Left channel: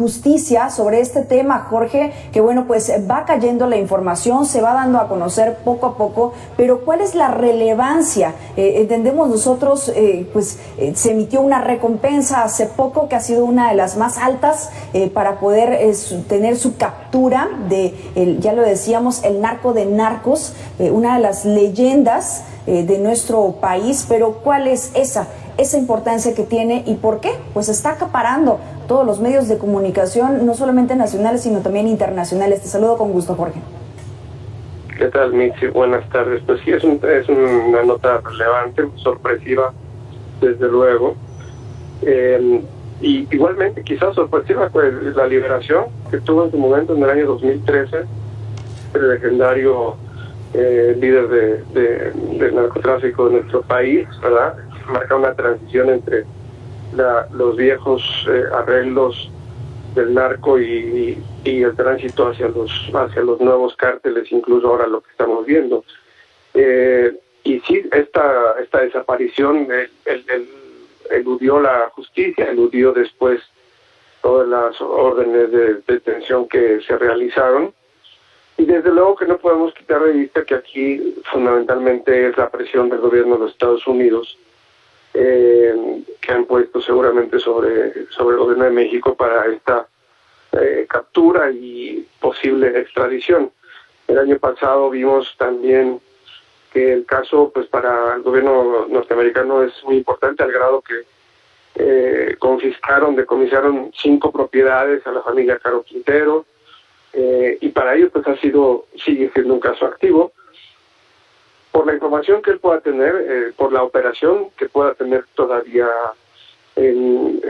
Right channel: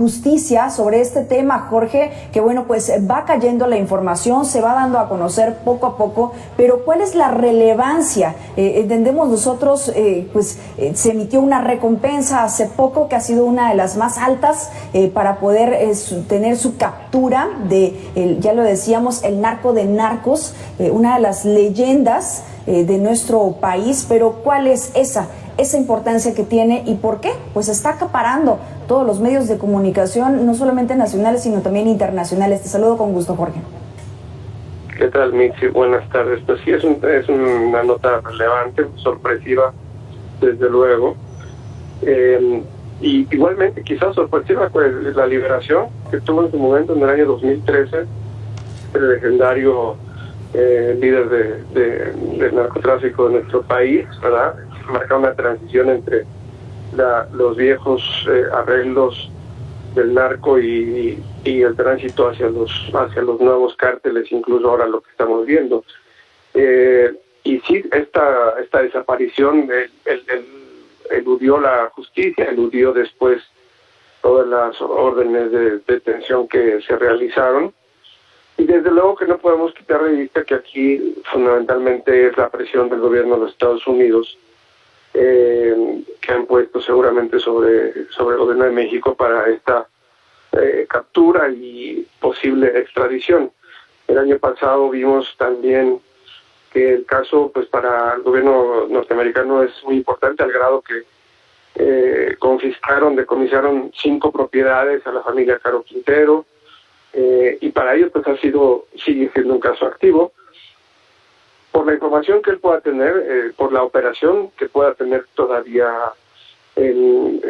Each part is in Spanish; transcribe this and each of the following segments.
justicia sobre este tema, Jorge, que bueno, pues va cayendo la información, se va dando a conocer poco a poco, pero ¿cuál es la relevancia? Entendemos nosotros, se emitió una recompensa hace poco que ha sido una de las más altas para poder tener su captura de, ya lo decíamos, el narco de narcos, una de las leyendas de nuestro país, pero ¿cuál es esa importancia que tiene y por qué? Pues está acaparando todos los medios de comunicación, no solamente nacionales, sino también internacionales. Te saludo con gusto, Jorge. ¿Qué tal, Mitzi? Buenas tardes. Pues sí, es una nota relevante, sorpresiva, desde luego. Y igualmente, quizás sorpresiva, pues la liberación que tuvo en su momento en el año 2013, el legendario líder de narcotráfico de nuestro país, ¿verdad? Marca una transición entre los viejos arreglos del narco y el tránsito hacia los nuevos cárteles, incluso ahora lo que estamos viendo. Y sí, esta desaparición eludió la justicia, eludió después todas las órdenes de detención que se realizaron. Y desde luego que no podemos quitar de vista que aquí fundamentalmente es la presión del gobierno de los Estados Unidos, que han puesto seguramente sobre el gobierno de México para esta captura y posible extradición. El año pasado vimos también que el caso, pues para el gobierno norteamericano es muy importante, al grado que decomisaron 5 propiedades a la familia Caro Quintero, y para ellos pues sigue siendo un caso activo. Por la información que él pueda tener, por la operación que pueda tener todavía en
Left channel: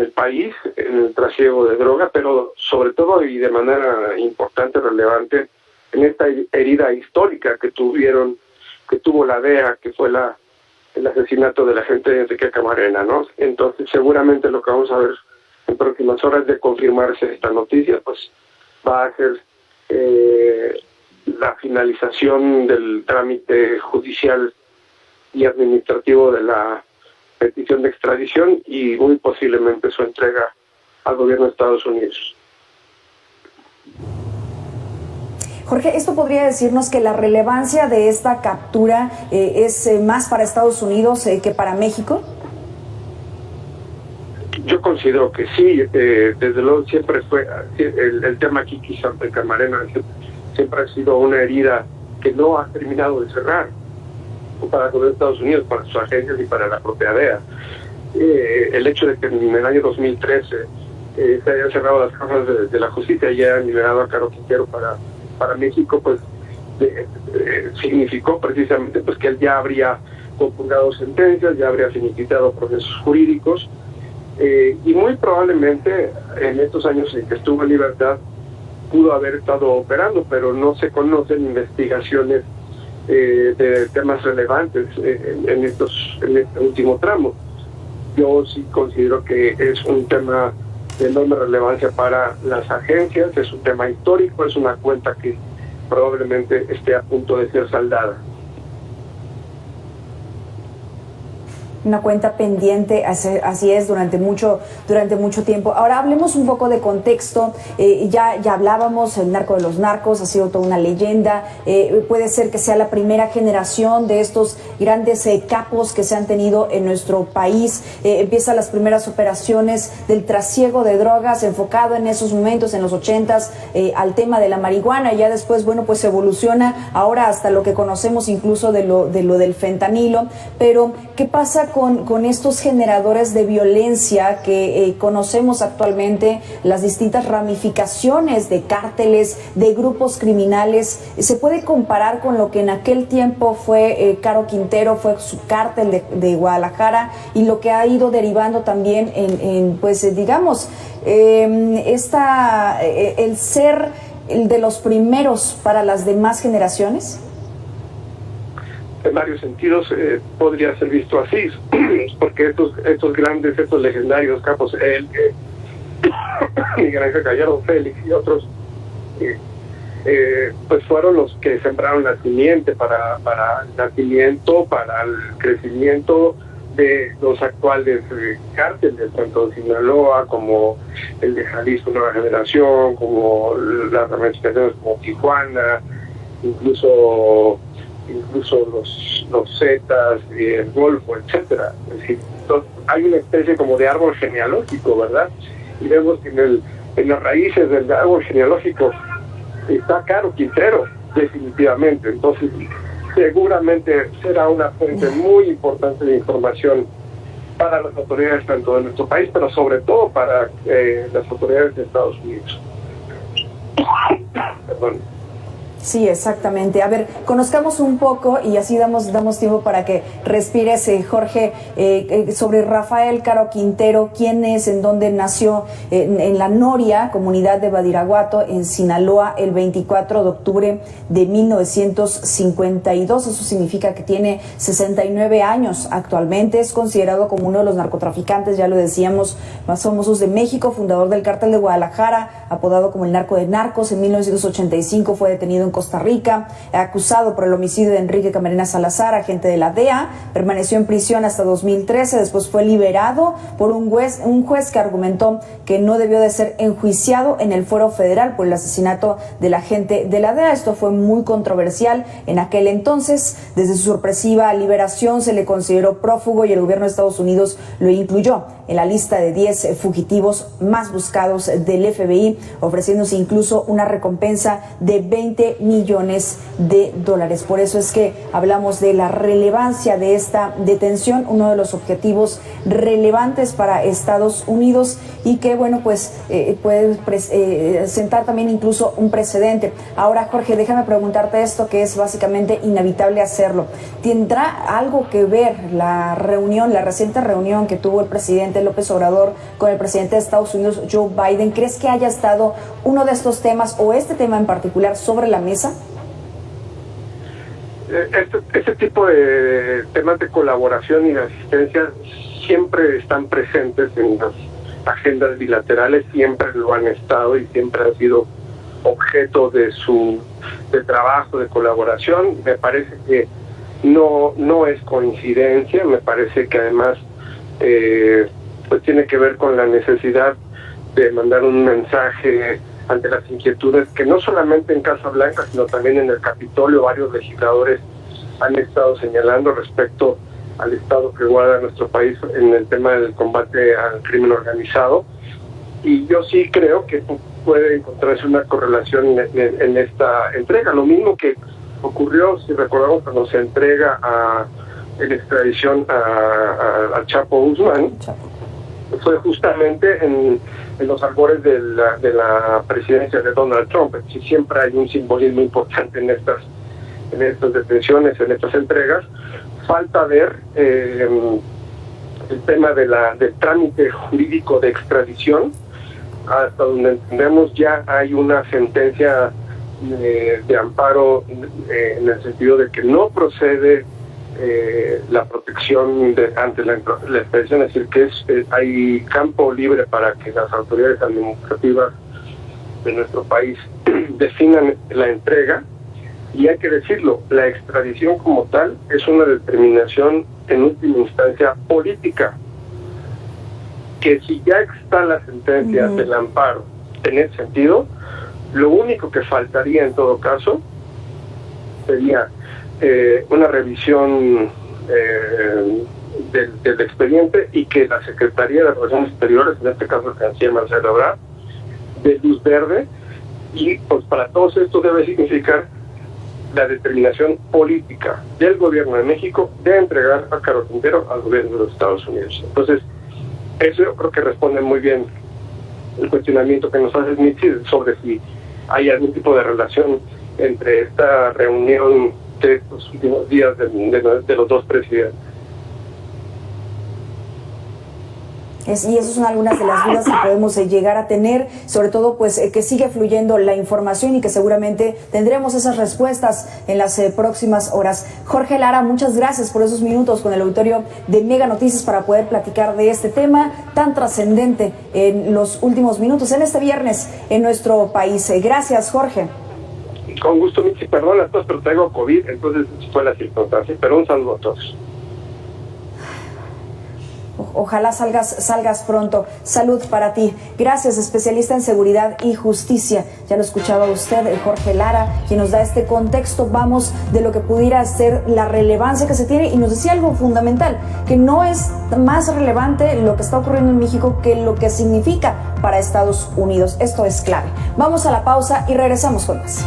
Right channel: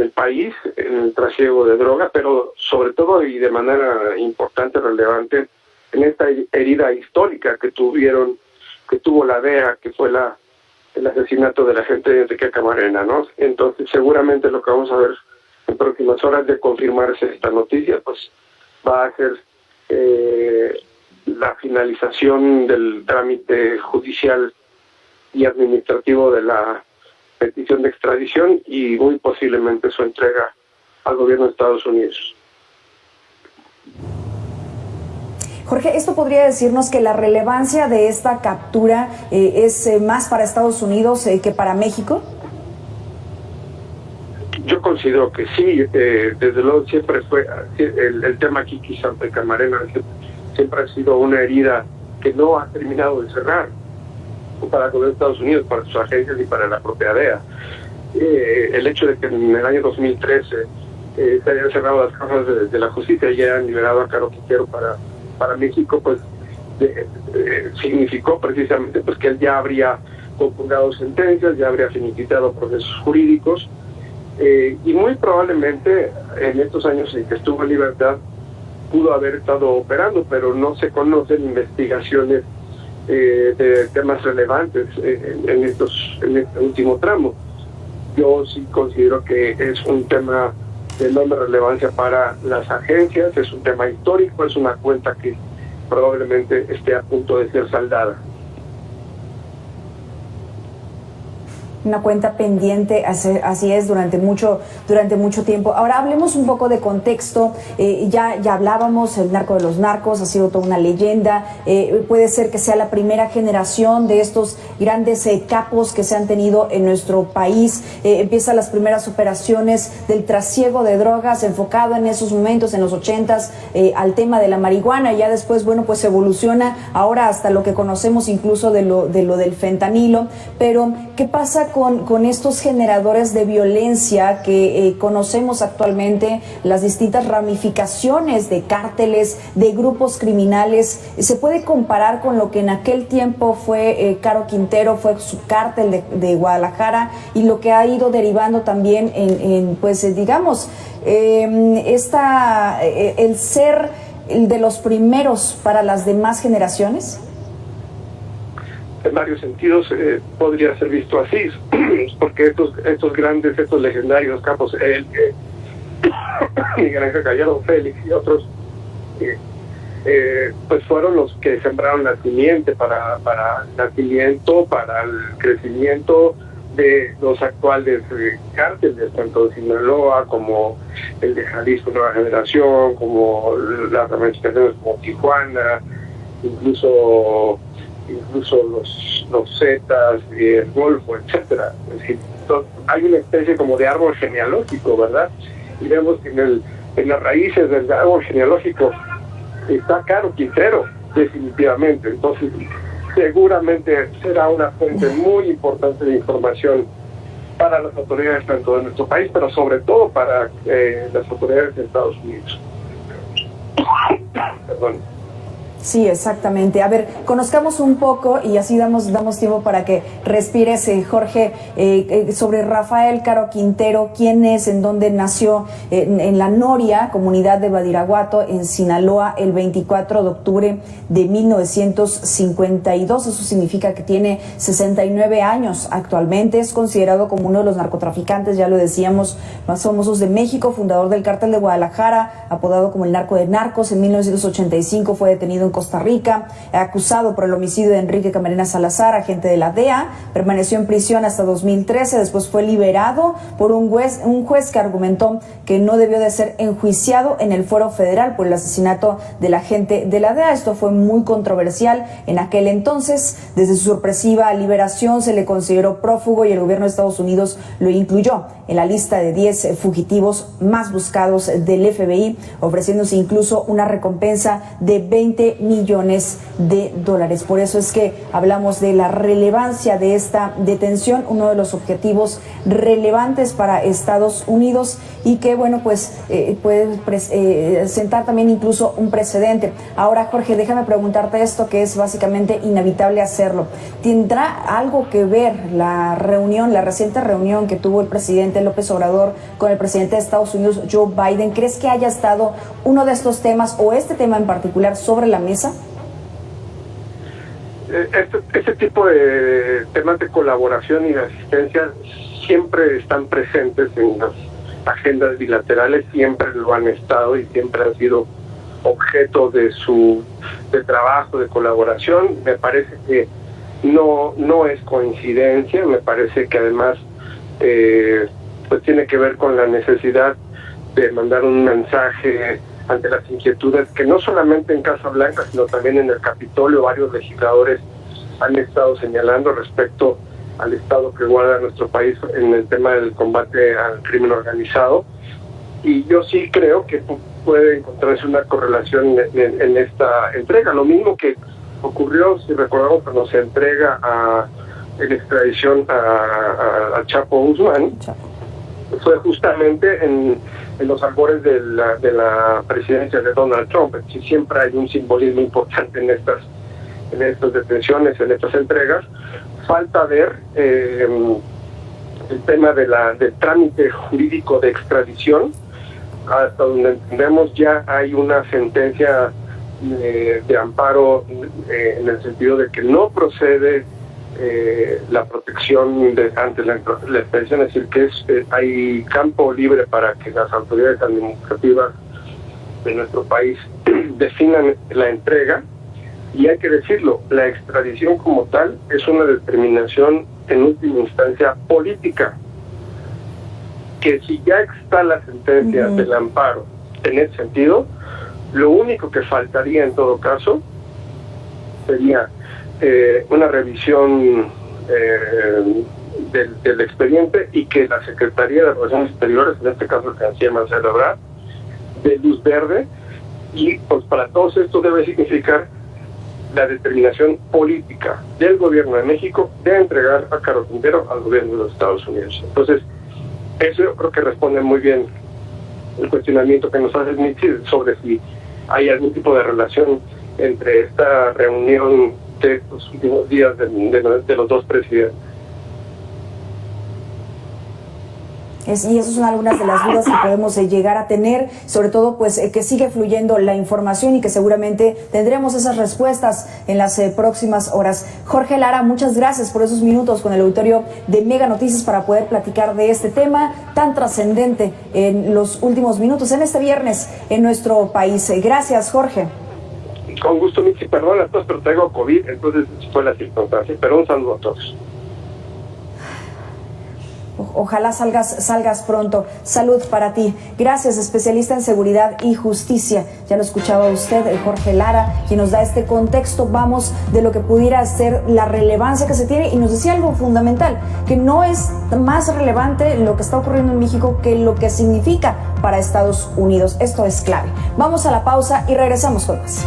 el país, en el trasiego de droga, pero sobre todo y de manera importante, relevante, en esta herida histórica que tuvo la DEA, que fue el asesinato del agente Enrique Camarena, ¿no? Entonces seguramente lo que vamos a ver en próximas horas de confirmarse esta noticia, pues va a ser la finalización del trámite judicial y administrativo de la petición de extradición y muy posiblemente su entrega al gobierno de Estados Unidos. Jorge, ¿esto podría decirnos que la relevancia de esta captura es más para Estados Unidos que para México? Yo considero que sí, desde luego siempre fue el tema aquí quizás de Camarena, siempre ha sido una herida que no ha terminado de cerrar para el gobierno de Estados Unidos, para sus agencias y para la propia DEA. El hecho de que en el año 2013 se hayan cerrado las causas de la justicia y hayan liberado a Caro Quintero para México, pues significó precisamente pues que él ya habría compugnado sentencias, ya habría finiquitado procesos jurídicos, y muy probablemente en estos años en que estuvo en libertad pudo haber estado operando, pero no se conocen investigaciones de temas relevantes en este último tramo. Yo sí considero que es un tema de enorme relevancia para las agencias, es un tema histórico, es una cuenta que probablemente esté a punto de ser saldada. Una cuenta pendiente, así es, durante mucho tiempo. Ahora hablemos un poco de contexto. Ya hablábamos, el narco de los narcos ha sido toda una leyenda. Puede ser que sea la primera generación de estos grandes capos que se han tenido en nuestro país. Empiezan las primeras operaciones del trasiego de drogas, enfocado en esos momentos, en los 80s, al tema de la marihuana. Ya después, bueno, pues evoluciona ahora hasta lo que conocemos incluso de lo del fentanilo. Pero, ¿qué pasa con estos generadores de violencia que conocemos actualmente, las distintas ramificaciones de cárteles, de grupos criminales? ¿Se puede comparar con lo que en aquel tiempo fue Caro Quintero, fue su cártel de Guadalajara, y lo que ha ido derivando también en el ser de los primeros para las demás generaciones? En varios sentidos podría ser visto así, porque estos legendarios capos, Miguel Ángel Gallardo, Félix y otros, pues fueron los que sembraron la simiente para el nacimiento, para el crecimiento de los actuales cárteles, tanto de Sinaloa como el de Jalisco Nueva Generación, como las ramificaciones como Tijuana, incluso los Zetas, el Golfo, etcétera. Es decir, hay una especie como de árbol genealógico, ¿verdad? Y vemos que en las raíces del árbol genealógico está Caro Quintero, definitivamente. Entonces, seguramente será una fuente muy importante de información para las autoridades tanto de nuestro país, pero sobre todo para las autoridades de Estados Unidos. Perdón. Sí, exactamente. A ver, conozcamos un poco y así damos tiempo para que respires, Jorge, sobre Rafael Caro Quintero, quién es, en dónde nació, en la Noria, comunidad de Badiraguato, en Sinaloa, el 24 de octubre de 1952. Eso significa que tiene 69 años actualmente. Es considerado como uno de los narcotraficantes, ya lo decíamos, más famosos de México, fundador del Cártel de Guadalajara, apodado como el narco de narcos. En 1985 fue detenido en Costa Rica, acusado por el homicidio de Enrique Camarena Salazar, agente de la DEA. Permaneció en prisión hasta 2013, después fue liberado por un juez que argumentó que no debió de ser enjuiciado en el fuero federal por el asesinato del agente de la DEA. Esto fue muy controversial en aquel entonces. Desde su sorpresiva liberación se le consideró prófugo y el gobierno de Estados Unidos lo incluyó en la lista de 10 fugitivos más buscados del FBI, ofreciéndose incluso una recompensa de $20 millones. Por eso es que hablamos de la relevancia de esta detención, uno de los objetivos relevantes para Estados Unidos y que, bueno, pues puede sentar también incluso un precedente. Ahora, Jorge, déjame preguntarte esto, que es básicamente inevitable hacerlo. ¿Tendrá algo que ver la reciente reunión que tuvo el presidente López Obrador con el presidente de Estados Unidos, Joe Biden? ¿Crees que haya estado uno de estos temas o este tema en particular sobre la mesa? Este tipo de temas de colaboración y de asistencia siempre están presentes en las agendas bilaterales, siempre lo han estado y siempre han sido objeto de trabajo, de colaboración. Me parece que no es coincidencia, me parece que además pues tiene que ver con la necesidad de mandar un mensaje ante las inquietudes que no solamente en Casa Blanca, sino también en el Capitolio varios legisladores han estado señalando respecto al estado que guarda nuestro país en el tema del combate al crimen organizado. Y yo sí creo que puede encontrarse una correlación en esta entrega. Lo mismo que ocurrió, si recordamos, cuando se entrega en extradición a Chapo Guzmán, fue justamente en los albores de la presidencia de Donald Trump. Siempre hay un simbolismo importante en estas detenciones, en estas entregas. Falta ver el tema del trámite jurídico de extradición. Hasta donde entendemos ya hay una sentencia de amparo en el sentido de que no procede la protección ante la extradición, es decir, que hay campo libre para que las autoridades administrativas de nuestro país definan la entrega. Y hay que decirlo, la extradición como tal es una determinación en última instancia política, que si ya está la sentencia del amparo en ese sentido, lo único que faltaría en todo caso sería una revisión del expediente y que la Secretaría de Relaciones Exteriores, en este caso el canciller Marcelo Ebrard, dé luz verde, y pues para todos esto debe significar la determinación política del gobierno de México de entregar a Caro Quintero al gobierno de los Estados Unidos. Entonces, eso yo creo que responde muy bien el cuestionamiento que nos hace Mitzi sobre si hay algún tipo de relación entre esta reunión de estos últimos días de los dos presidentes. Y esas son algunas de las dudas que podemos llegar a tener, sobre todo pues que sigue fluyendo la información y que seguramente tendremos esas respuestas en las próximas horas. Jorge Lara, muchas gracias por esos minutos con el auditorio de Mega Noticias para poder platicar de este tema tan trascendente en los últimos minutos, en este viernes en nuestro país. Gracias, Jorge. Con gusto, Michi, perdón a todos, pero traigo COVID, entonces fue la circunstancia, pero un saludo a todos. Ojalá salgas pronto. Salud para ti. Gracias, especialista en seguridad y justicia. Ya lo escuchaba usted, el Jorge Lara, quien nos da este contexto, vamos, de lo que pudiera ser la relevancia que se tiene, y nos decía algo fundamental, que no es más relevante lo que está ocurriendo en México que lo que significa para Estados Unidos. Esto es clave. Vamos a la pausa y regresamos con más.